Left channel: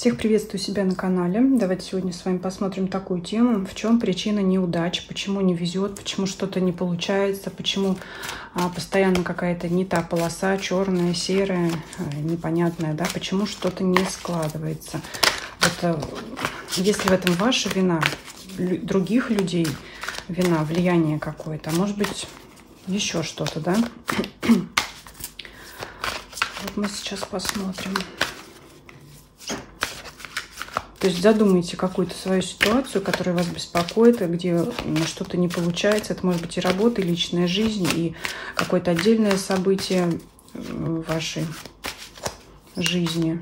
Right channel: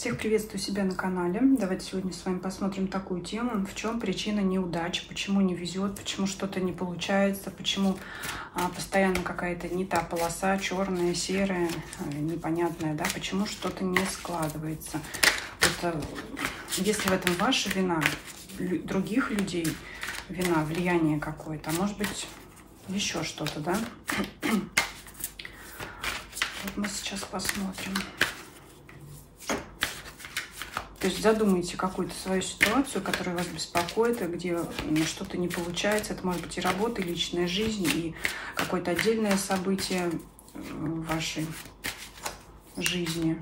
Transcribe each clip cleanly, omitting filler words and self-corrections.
Всех приветствую себя на канале. Давайте сегодня с вами посмотрим такую тему. В чем причина неудач, почему не везет, почему что-то не получается, почему постоянно какая-то не та полоса, черная, серая, непонятная, да, почему что-то не складывается. Это, если в этом ваша вина, других людей вина, влияние какое-то, а может быть еще что-то, да? Вот мы сейчас посмотрим. То есть задумайте какую-то свою ситуацию, которая вас беспокоит, где что-то не получается. Это может быть и работа, и личная жизнь, и какое-то отдельное событие в вашей жизни.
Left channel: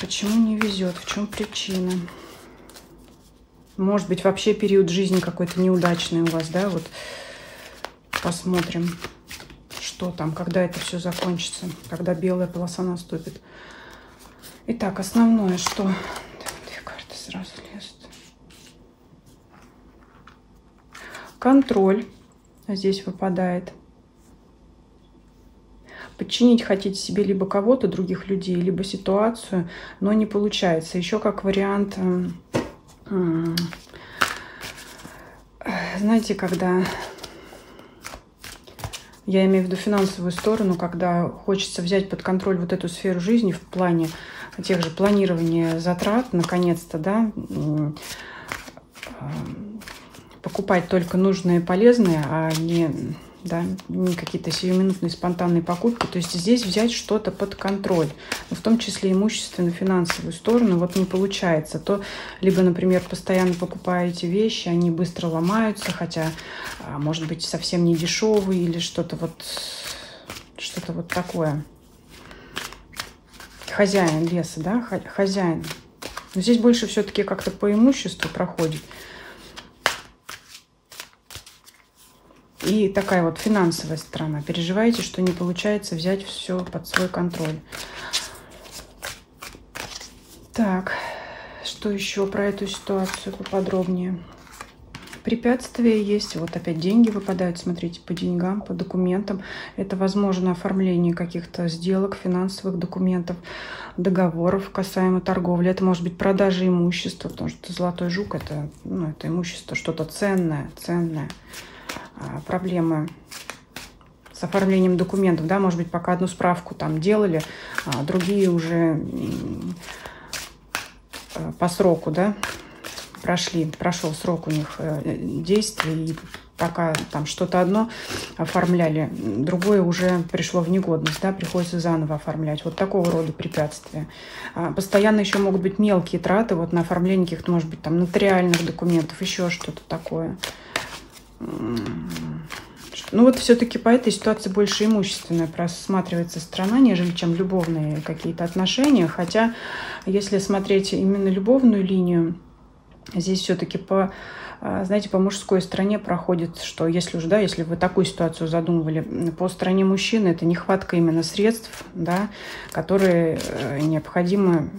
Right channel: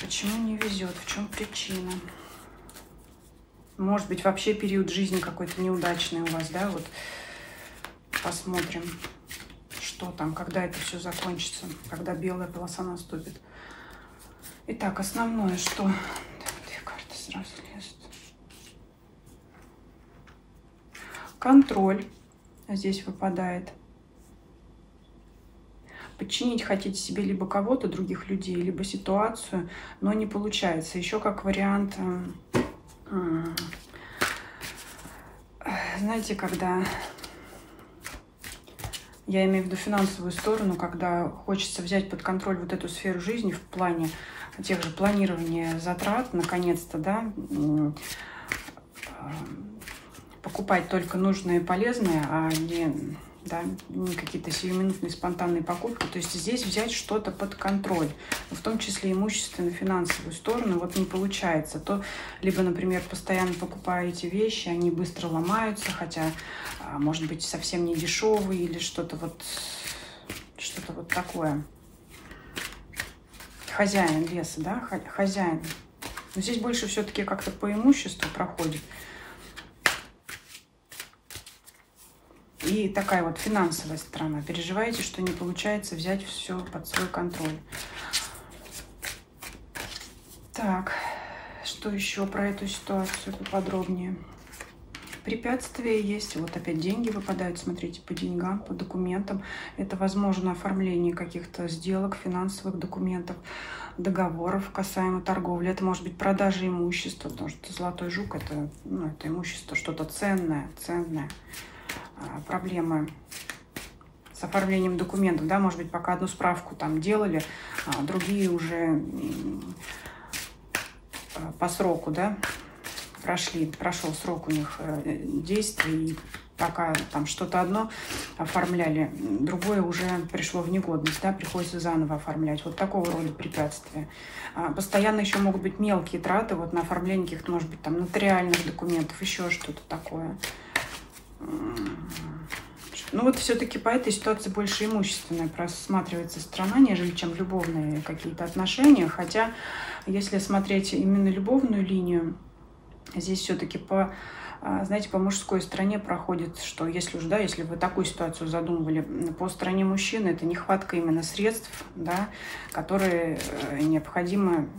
Почему не везет? В чем причина? Может быть, вообще период жизни какой-то неудачный у вас, да? Вот посмотрим. Что там, когда это все закончится, когда белая полоса наступит. Итак, основное, что... Две карты сразу лезут. Контроль здесь выпадает. Подчинить хотите себе либо кого-то, других людей, либо ситуацию, но не получается. Еще как вариант, знаете, когда... Я имею в виду финансовую сторону, когда хочется взять под контроль вот эту сферу жизни в плане тех же планирования затрат, наконец-то, да, покупать только нужное и полезное, а не, да, не какие-то сиюминутные спонтанные покупки. То есть здесь взять что-то под контроль, в том числе имущественную, финансовую сторону, вот не получается. То либо, например, постоянно покупаете вещи, они быстро ломаются, хотя, может быть, совсем не дешевые или что-то вот такое. Хозяин леса, да, хозяин. Но здесь больше все-таки как-то по имуществу проходит. И такая вот финансовая сторона. Переживаете, что не получается взять все под свой контроль. Так, что еще про эту ситуацию поподробнее? Препятствия есть. Вот опять деньги выпадают, смотрите, по деньгам, по документам. Это, возможно, оформление каких-то сделок, финансовых документов, договоров касаемо торговли. Это может быть продажа имущества, потому что золотой жук это, это имущество, что-то ценное. Проблемы с оформлением документов, да, может быть, пока одну справку там делали, а другие уже по сроку, да, прошел срок у них действия, и пока там что-то одно оформляли, другое уже пришло в негодность, да, приходится заново оформлять. Вот такого рода препятствия. Постоянно еще могут быть мелкие траты вот на оформление каких-то, может быть, там нотариальных документов, еще что-то такое. Ну вот все-таки по этой ситуации больше имущественная просматривается сторона, нежели чем любовные какие-то отношения. Хотя, если смотреть именно любовную линию, здесь все-таки знаете, по мужской стороне проходит, что если уж, да, если вы такую ситуацию задумывали, по стороне мужчины это нехватка именно средств, да, которые необходимы,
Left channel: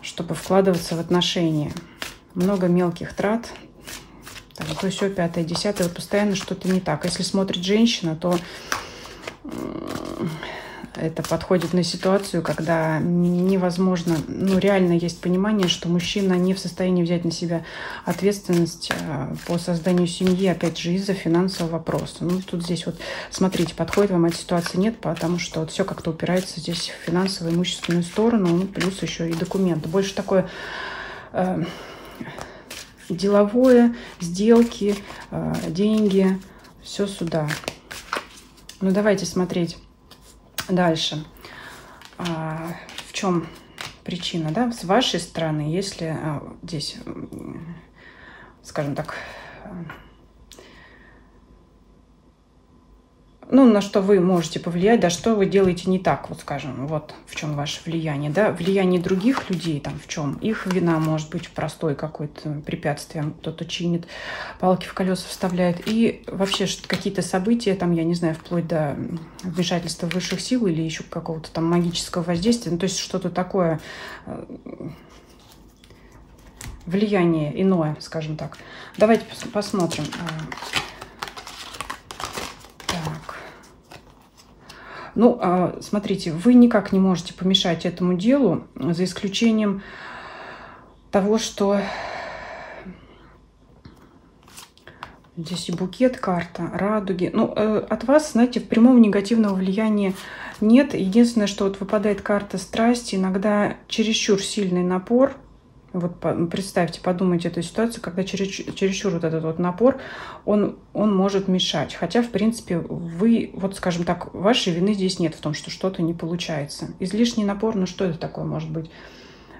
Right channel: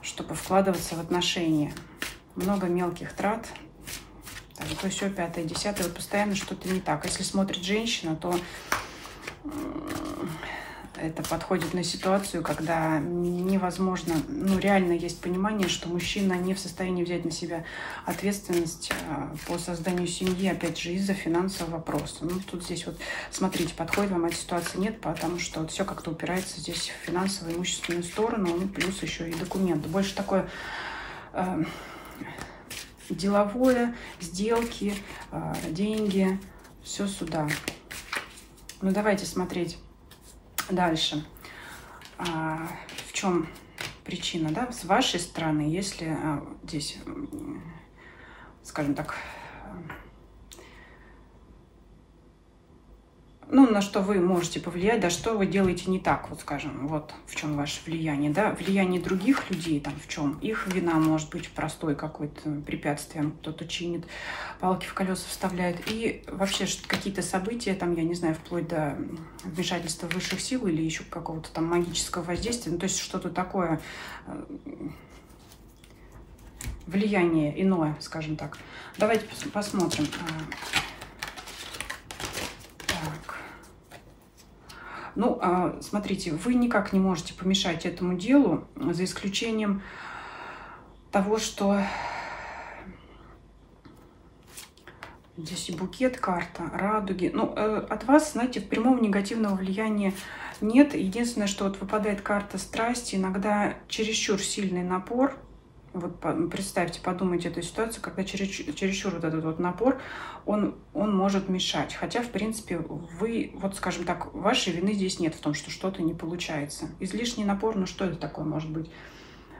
чтобы вкладываться в отношения. Много мелких трат. То все, пятое, десятое, постоянно что-то не так. Если смотрит женщина, то это подходит на ситуацию, когда невозможно, реально есть понимание, что мужчина не в состоянии взять на себя ответственность по созданию семьи, опять же, из-за финансового вопроса. Тут здесь вот, смотрите, подходит вам эта ситуация, нет, потому что все как-то упирается здесь в финансовую, имущественную сторону, плюс еще и документы. Больше такое... деловое, сделки, деньги, все сюда. Давайте смотреть дальше. В чем причина, да? С вашей стороны, если здесь, скажем так, на что вы можете повлиять, да, что вы делаете не так, вот скажем, вот в чем ваше влияние, да, влияние других людей, там, в чем их вина может быть простой какой-то препятствием, кто-то чинит, палки в колеса вставляет, и вообще какие-то события, там, я не знаю, вплоть до вмешательства высших сил или еще какого-то там магического воздействия, то есть что-то такое, влияние иное, скажем так. Давайте посмотрим. Ну, смотрите, вы никак не можете помешать этому делу, за исключением того, что здесь и букет, карта, радуги. Ну, от вас, знаете, прямого негативного влияния нет. Единственное, что вот выпадает карта страсти, иногда чересчур сильный напор. Вот представьте, подумайте эту ситуацию, когда чересчур вот этот вот напор, он может мешать. Хотя, в принципе, вы, вот скажем так, вашей вины здесь нет в том, что что-то не получается. Излишний напор, ну что это такое может быть?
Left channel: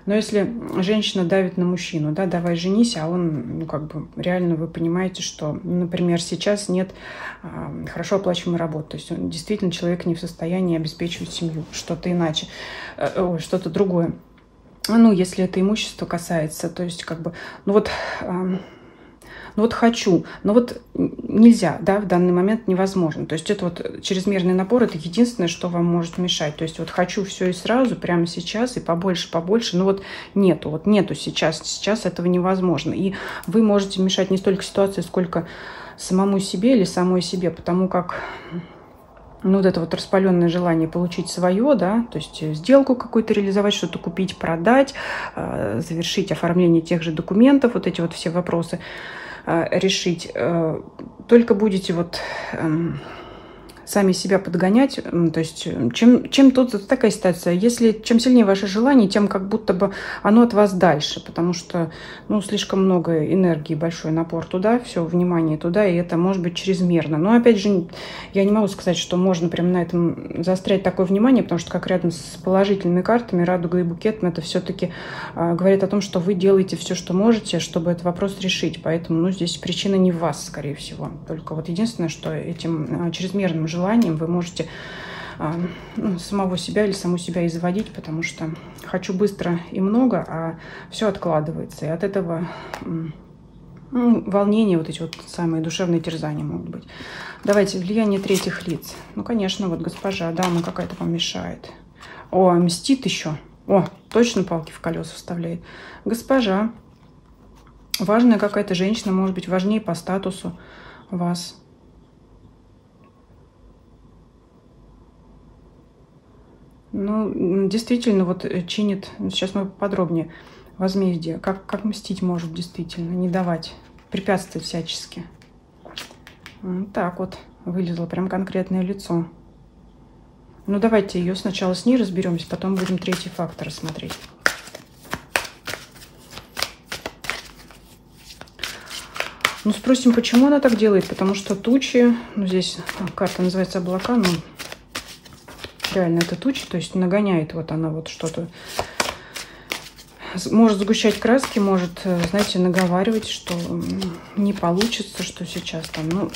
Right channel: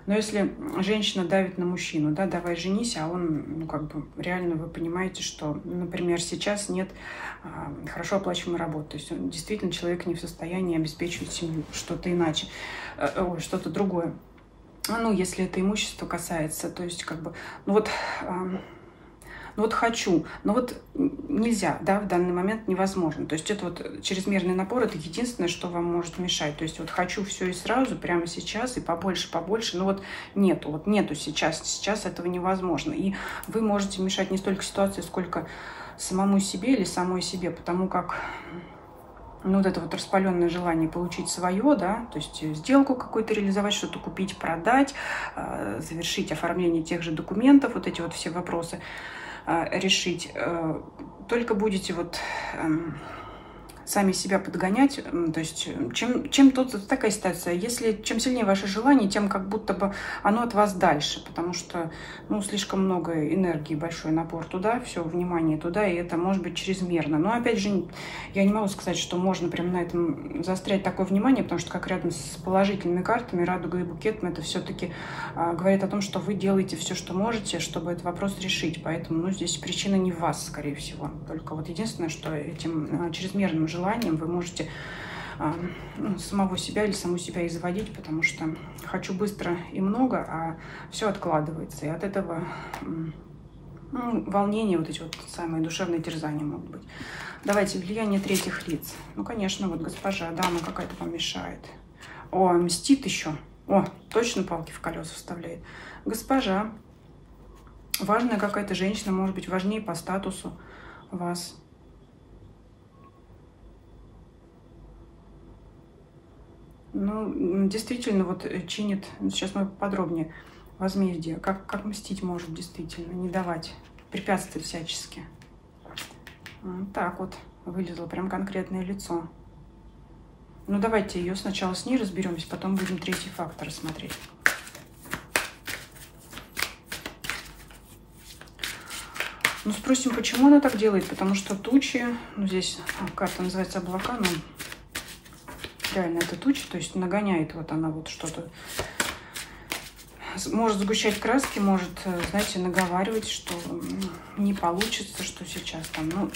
Но если женщина давит на мужчину, да, давай женись, а он, ну, как бы, реально вы понимаете, что, например, сейчас нет хорошо оплачиваемой работы, то есть он действительно человек не в состоянии обеспечивать семью, что-то иначе, что-то другое. Ну, если это имущество касается, то есть, как бы, ну вот хочу, но вот нельзя, да, в данный момент невозможно. То есть это вот чрезмерный напор, это единственное, что вам может мешать. То есть вот хочу все и сразу, прямо сейчас, и побольше, но вот нету сейчас этого невозможно. И вы можете мешать не столько ситуации, сколько самому себе или самой себе, потому как, ну, вот это вот распаленное желание получить свое, да, то есть сделку какую-то реализовать, что-то купить, продать, завершить оформление тех же документов, вот эти вот все вопросы решить. Только будете вот сами себя подгонять, то есть чем тут такая ситуация, если чем сильнее ваше желание, тем как будто бы оно от вас дальше, потому что, ну, слишком много энергии, большой напор туда, все внимание туда, и это может быть чрезмерно. Но опять же, я не могу сказать, что можно прямо на этом заострять такое внимание, потому что как рядом с положительными картами, радуга и букетом, это все-таки говорит о том, что вы делаете все, что можете, чтобы этот вопрос решить, поэтому, ну, здесь причина не в вас, скорее всего, только вот единственное, что этим чрезмерным желанием вы можете самого себя или саму себя изводить, потому что хочу быстро и много, а все откладывается. И от этого волнения, вот эти вот самые душевные терзания могут быть. Давайте влияние третьих лиц. Ну, конечно, вот госпожа, да, она какая-то вам мешает. О, мстит еще. О, точно палки в колеса вставляет. Госпожа. Важная какая-то женщина, может быть, важнее по статусу вас. Ну, действительно, вот чинит, сейчас мы подробнее, возмездие. Как мстить может действительно, не давать, препятствовать всячески. Так вот, вылезло прям конкретное лицо. Ну, давайте ее сначала с ней разберемся, потом будем третий фактор смотреть. Ну, спросим, почему она так делает, потому что тучи, ну, здесь карта называется облака, но реально это тучи, то есть нагоняет вот она вот что-то. Может сгущать краски, может, знаете, наговаривать, что не получится, что сейчас там, ну,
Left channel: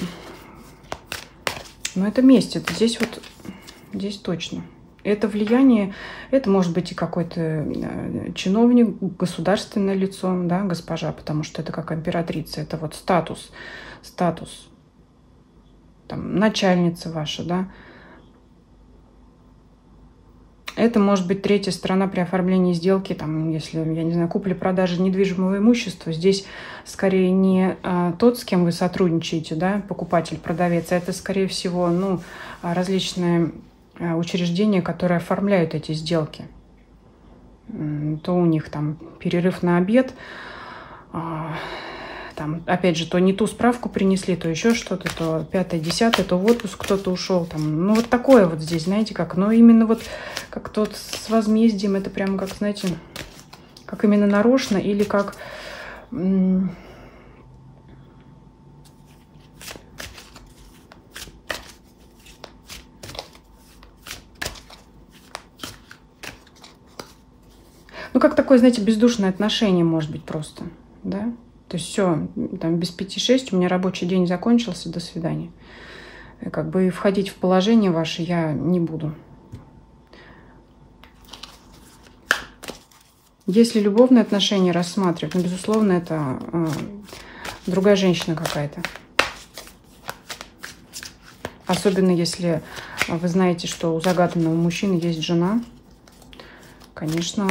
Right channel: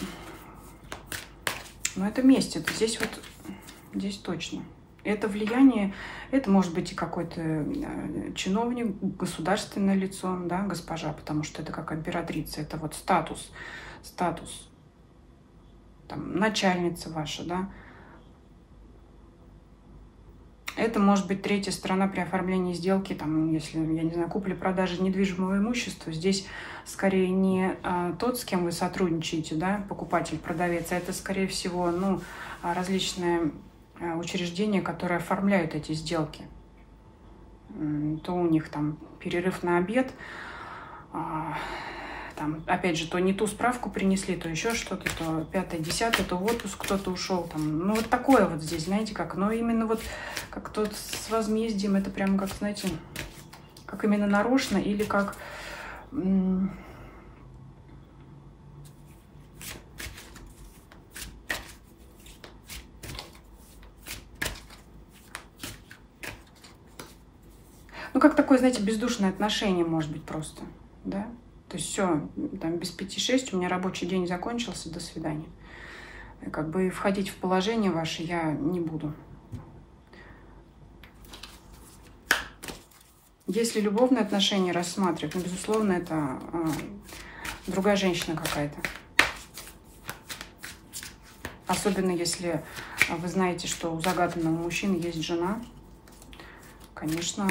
но это месть, это здесь вот, здесь точно. Это влияние, это может быть и какой-то чиновник, государственное лицо, да, госпожа, потому что это как императрица, это вот статус, там, начальница ваша, да. Это может быть третья сторона при оформлении сделки, там, если, я не знаю, купли-продажи недвижимого имущества. Здесь скорее не тот, с кем вы сотрудничаете, да, покупатель, продавец, а это, скорее всего, ну, различные учреждения, которые оформляют эти сделки. То у них там перерыв на обед, там, опять же, то не ту справку принесли, то еще что-то, то 5-е, 10-е, то в отпуск кто-то ушел. Там. Ну, вот такое вот здесь, знаете, как. Но именно вот как тот с возмездием, это прямо как, знаете, как именно нарочно или как... Ну, как такое, знаете, бездушное отношение, может быть, просто, да? То есть все, там без 5-6 у меня рабочий день закончился, до свидания. И как бы входить в положение ваше я не буду. Если любовные отношения рассматривать, ну, безусловно, это другая женщина какая-то. Особенно если вы знаете, что у загаданного мужчины есть жена. Конечно,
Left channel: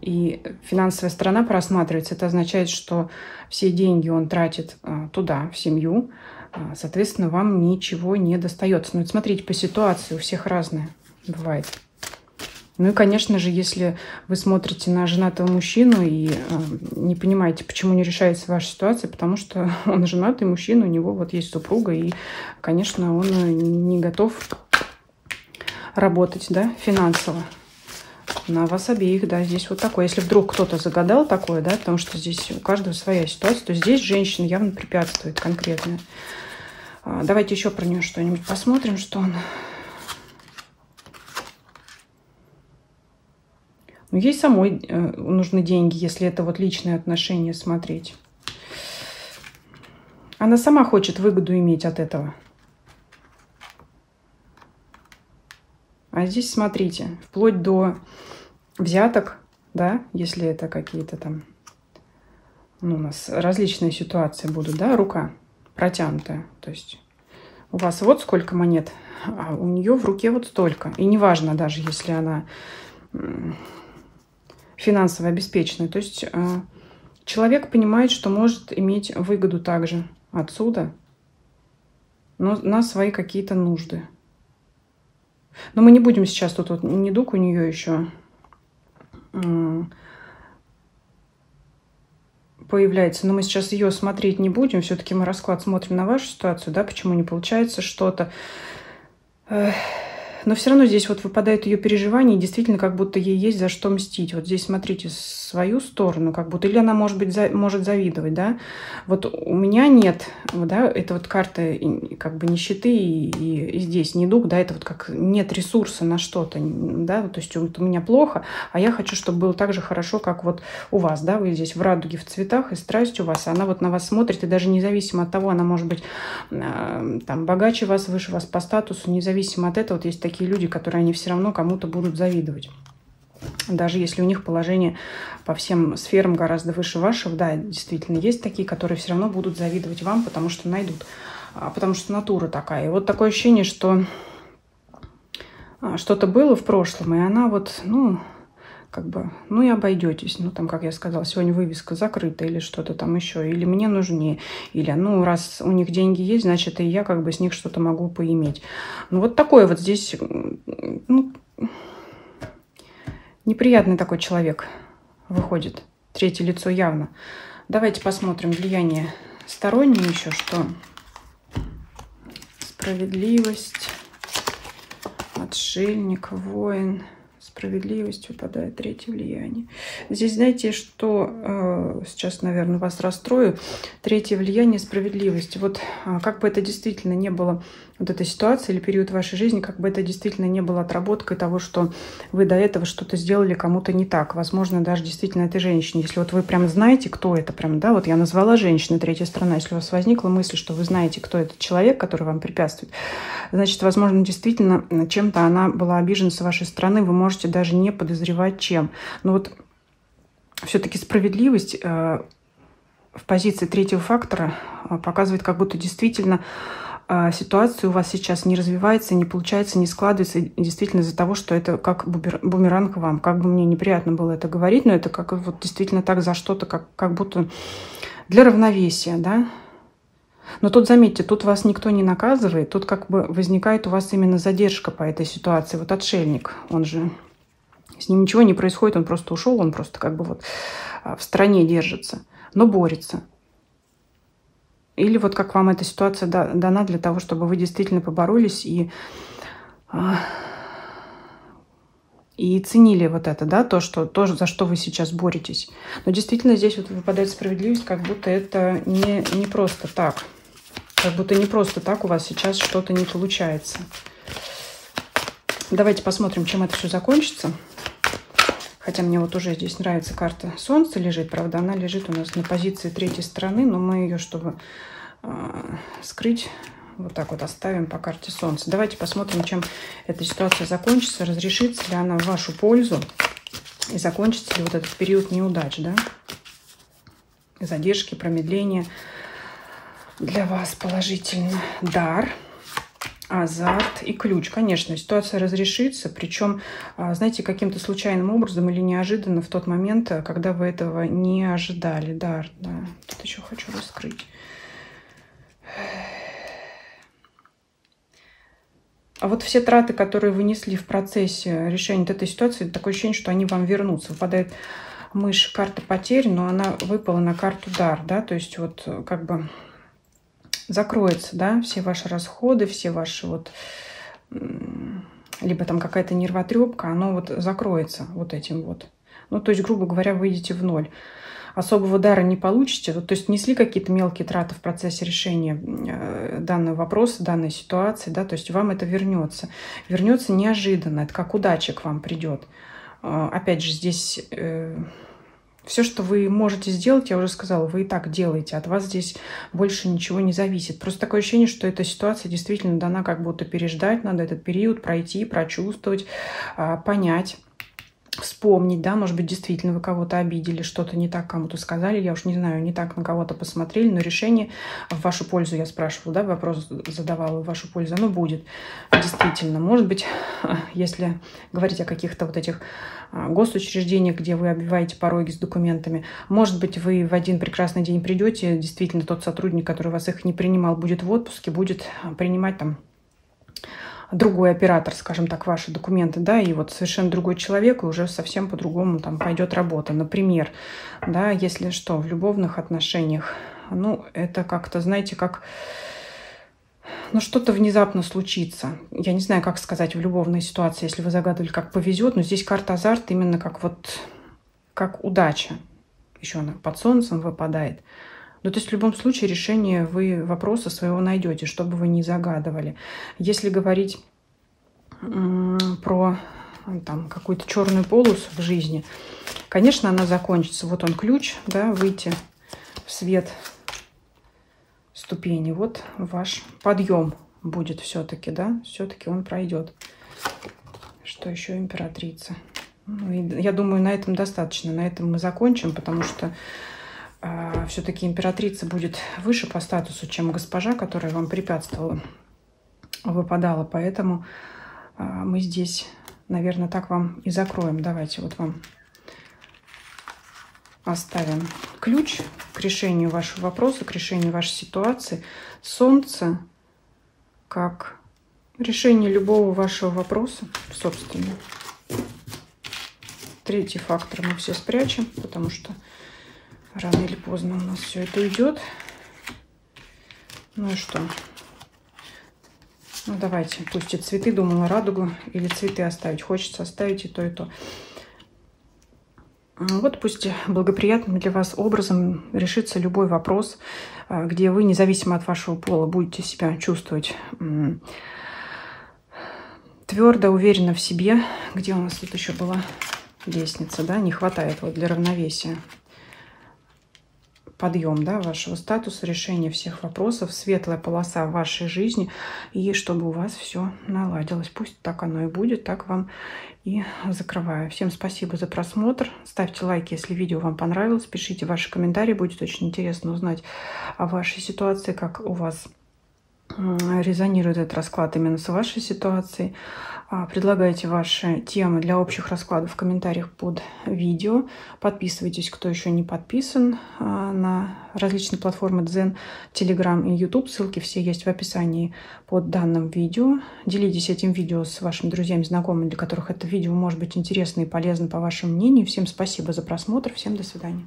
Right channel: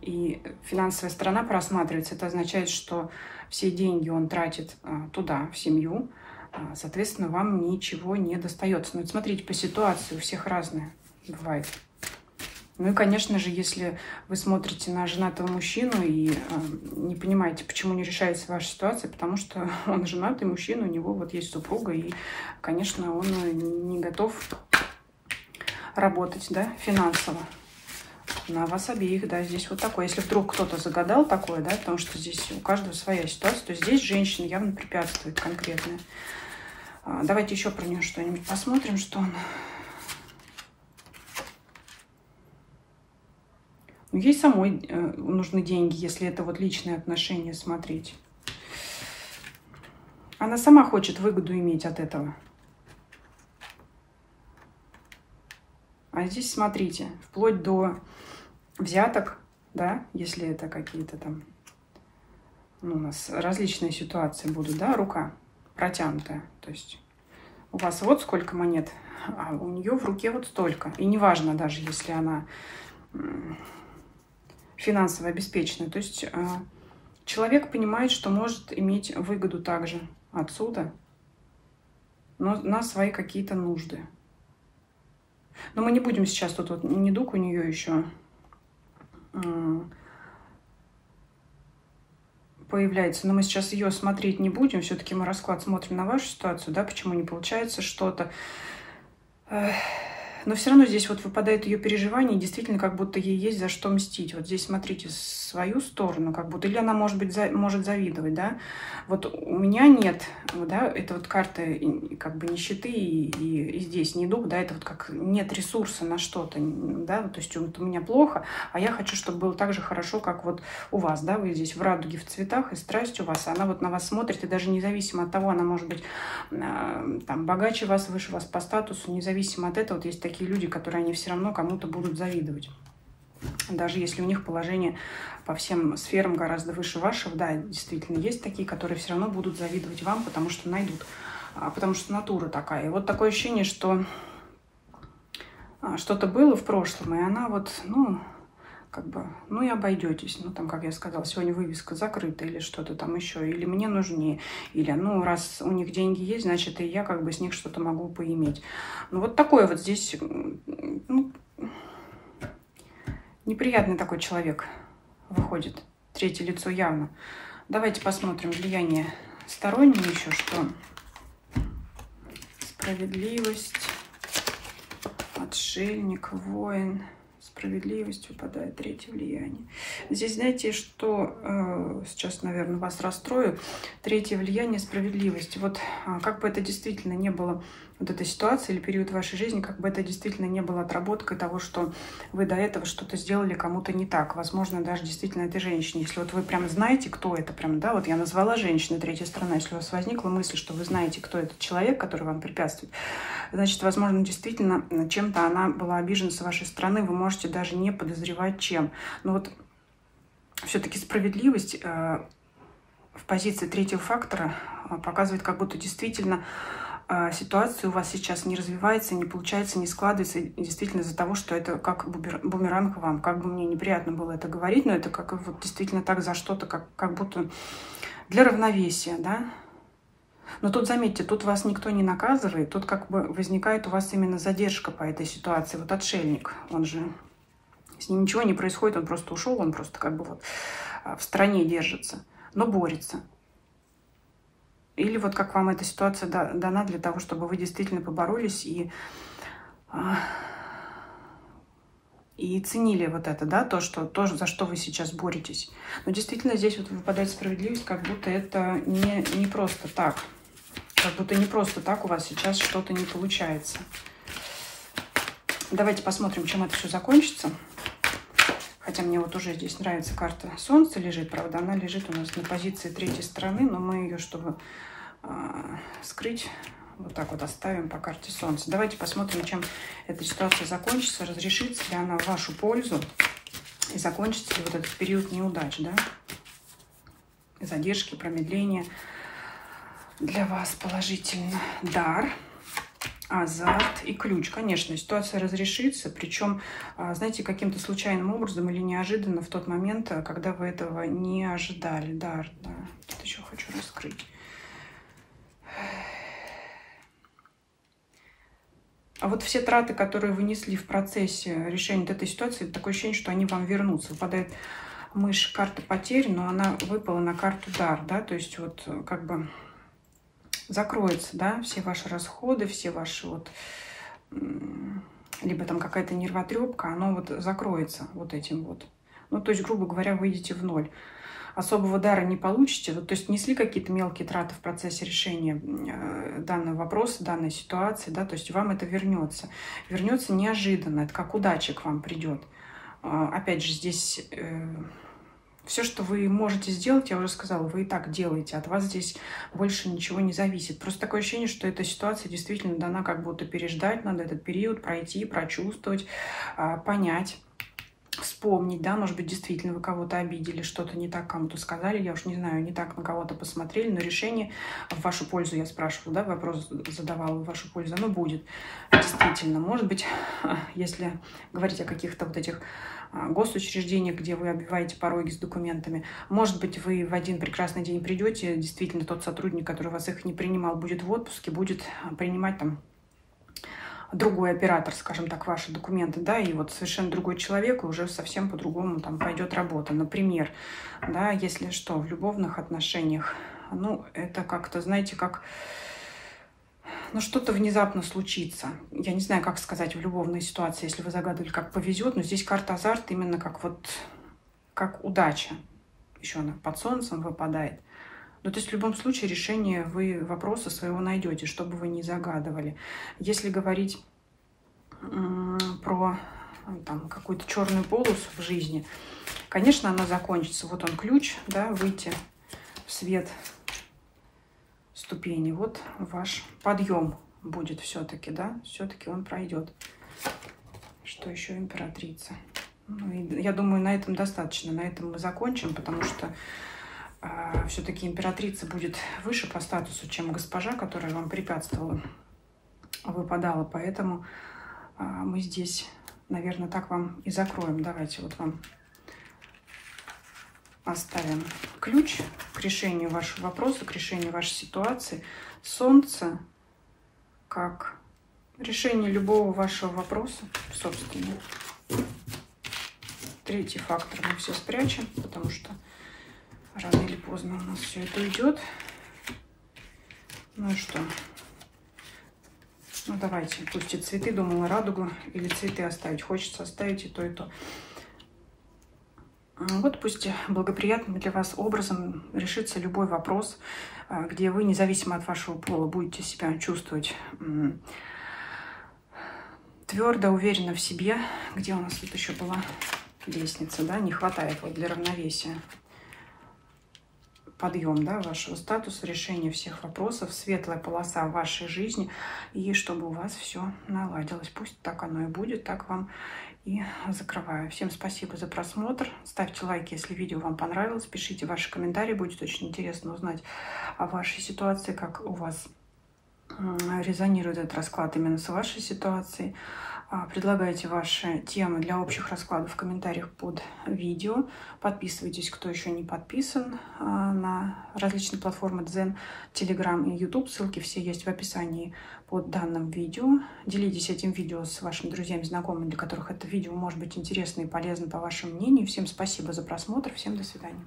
и финансовая сторона просматривается. Это означает, что все деньги он тратит туда, в семью. Соответственно, вам ничего не достается. Ну, смотрите, по ситуации у всех разное бывает. Ну и, конечно же, если вы смотрите на женатого мужчину и не понимаете, почему не решается ваша ситуация, потому что он женатый мужчина, у него вот есть супруга, и, конечно, он не готов работать, да, финансово. На вас обеих, да, здесь вот такое. Если вдруг кто-то загадал такое, да, потому что здесь у каждого своя ситуация, то здесь женщина явно препятствует конкретно. Давайте еще про нее что-нибудь посмотрим, что он... Ну, ей самой нужны деньги, если это вот личные отношения смотреть. Она сама хочет выгоду иметь от этого. А здесь, смотрите, вплоть до взяток, да, если это какие-то там, ну, у нас различные ситуации будут, да, рука протянутая. То есть у вас вот сколько монет, а у нее в руке вот столько. И неважно даже, если она финансово обеспечена. То есть человек понимает, что может иметь выгоду также отсюда, но на свои какие-то нужды. Но мы не будем сейчас, тут вот недуг у нее еще появляется, но мы сейчас ее смотреть не будем. Все-таки мы расклад смотрим на вашу ситуацию, да, почему не получается что-то. Но все равно здесь вот выпадает ее переживание, и действительно, как будто ей есть за что мстить. Вот здесь смотрите свою сторону, как будто, или она, может быть, может завидовать, да. Вот у меня нет, да, это вот карта как бы нищеты, и здесь недуг, да, это вот как нет ресурса на что-то, да, то есть вот у меня плохо, а я хочу, чтобы было так же хорошо, как вот у вас, да, вы здесь в радуге, в цветах, и страсть у вас, она вот на вас смотрит, и даже независимо от того, она может быть там богаче вас, выше вас по статусу, независимо от этого, вот есть такие люди, которые они все равно кому-то будут завидовать. Даже если у них положение по всем сферам гораздо выше вашего, да, действительно, есть такие, которые все равно будут завидовать вам, потому что найдут, потому что натура такая. И вот такое ощущение, что что-то было в прошлом, и она вот, ну, как бы, ну и обойдетесь. Ну, там, как я сказала, сегодня вывеска закрыта или что-то там еще, или мне нужнее, или, ну, раз у них деньги есть, значит, и я как бы с них что-то могу поиметь. Ну, вот такой вот здесь, ну, неприятный такой человек выходит. Третье лицо явно. Давайте посмотрим влияние стороннее еще, что справедливость, отшельник, воин. Справедливость выпадает, третье влияние. Здесь, знаете, что сейчас, наверное, вас расстрою. Третье влияние справедливости. Вот как бы это действительно не было, вот эта ситуация или период вашей жизни, как бы это действительно не было отработкой того, что вы до этого что-то сделали кому-то не так. Возможно, даже действительно этой женщине. Если вот вы прям знаете, кто это, прям, да, вот я назвала женщину, третья сторона. Если у вас возникла мысль, что вы знаете, кто этот человек, который вам препятствует, значит, возможно, действительно чем-то она была обижена с вашей стороны, вы можете даже не подозревать чем. Но вот все-таки справедливость в позиции третьего фактора показывает, как будто действительно ситуация у вас сейчас не развивается, не получается, не складывается действительно из-за того, что это как бумеранг вам. Как бы мне неприятно было это говорить, но это как вот действительно так за что-то, как будто для равновесия, да. Но тут, заметьте, тут вас никто не наказывает, тут как бы возникает у вас именно задержка по этой ситуации. Вот отшельник, он же, с ним ничего не происходит, он просто ушел, он просто как бы вот в стороне держится, но борется. Или вот как вам эта ситуация дана для того, чтобы вы действительно поборолись и ценили вот это, да, то, за что вы сейчас боретесь. Но действительно здесь вот выпадает справедливость, как будто это не просто так. Как будто не просто так у вас сейчас что-то не получается. Давайте посмотрим, чем это все закончится. Хотя мне вот уже здесь нравится карта Солнца лежит. Правда, она лежит у нас на позиции третьей стороны, но мы ее, чтобы скрыть, вот так вот оставим по карте Солнца. Давайте посмотрим, чем эта ситуация закончится. Разрешится ли она в вашу пользу и закончится ли вот этот период неудач, да? Задержки, промедления. Для вас положительно дар, азарт и ключ. Конечно, ситуация разрешится, причем, знаете, каким-то случайным образом или неожиданно в тот момент, когда вы этого не ожидали. Дар, да. Тут еще хочу раскрыть. А вот все траты, которые вы несли в процессе решения этой ситуации, такое ощущение, что они вам вернутся. Выпадает мышь, карта потерь, но она выпала на карту дар, да, то есть вот как бы закроется, да, все ваши расходы, все ваши вот, либо там какая-то нервотрепка, оно вот закроется вот этим вот. Ну, то есть, грубо говоря, выйдете в ноль. Особого дара не получите, то есть несли какие-то мелкие траты в процессе решения данного вопроса, данной ситуации, да, то есть вам это вернется. Вернется неожиданно, это как удача к вам придет. Опять же, здесь все, что вы можете сделать, я уже сказала, вы и так делаете, от вас здесь больше ничего не зависит. Просто такое ощущение, что эта ситуация действительно дана как будто переждать, надо этот период пройти, прочувствовать, понять. Вспомнить, да, может быть, действительно вы кого-то обидели, что-то не так кому-то сказали, я уж не знаю, не так на кого-то посмотрели, но решение в вашу пользу, я спрашивала, да, вопрос задавала, в вашу пользу, оно будет, действительно. Может быть, если говорить о каких-то вот этих госучреждениях, где вы оббиваете пороги с документами, может быть, вы в один прекрасный день придете, действительно, тот сотрудник, который вас их не принимал, будет в отпуске, будет принимать там другой оператор, скажем так, ваши документы, да, и вот совершенно другой человек, и уже совсем по-другому там пойдет работа. Например, да, если что, в любовных отношениях, ну, это как-то, знаете, как, ну, что-то внезапно случится. Я не знаю, как сказать в любовной ситуации, если вы загадывали, как повезет, но здесь карта азарт именно как вот, как удача. Еще она под солнцем выпадает. Ну, то есть в любом случае решение вы вопроса своего найдете, что бы вы ни загадывали. Если говорить про там какую-то черную полосу в жизни, конечно, она закончится. Вот он ключ, да, выйти в свет ступени. Вот ваш подъем будет все-таки, да, все-таки он пройдет. Что еще императрица? Я думаю, на этом достаточно. На этом мы закончим, потому что все-таки императрица будет выше по статусу, чем госпожа, которая вам препятствовала, выпадала. Поэтому мы здесь, наверное, так вам и закроем. Давайте вот вам оставим ключ к решению вашего вопроса, к решению вашей ситуации. Солнце как решение любого вашего вопроса, собственно. Третий фактор мы все спрячем, потому что рано или поздно у нас все это уйдет. Ну и что? Ну давайте, пусть и цветы, думала, радугу или цветы оставить. Хочется оставить и то, и то. Вот пусть благоприятным для вас образом решится любой вопрос, где вы, независимо от вашего пола, будете себя чувствовать твердо, уверенно в себе. Где у нас тут еще была лестница, да? Не хватает вот для равновесия. Подъем, да, вашего статуса, решение всех вопросов, светлая полоса в вашей жизни, и чтобы у вас все наладилось. Пусть так оно и будет, так вам и закрываю. Всем спасибо за просмотр. Ставьте лайки, если видео вам понравилось. Пишите ваши комментарии, будет очень интересно узнать о вашей ситуации, как у вас резонирует этот расклад именно с вашей ситуацией. Предлагайте ваши темы для общих раскладов в комментариях под видео. Подписывайтесь, кто еще не подписан, на различные платформы Дзен, Telegram и YouTube. Ссылки все есть в описании под данным видео. Делитесь этим видео с вашими друзьями, знакомыми, для которых это видео может быть интересно и полезно по вашему мнению. Всем спасибо за просмотр. Всем до свидания.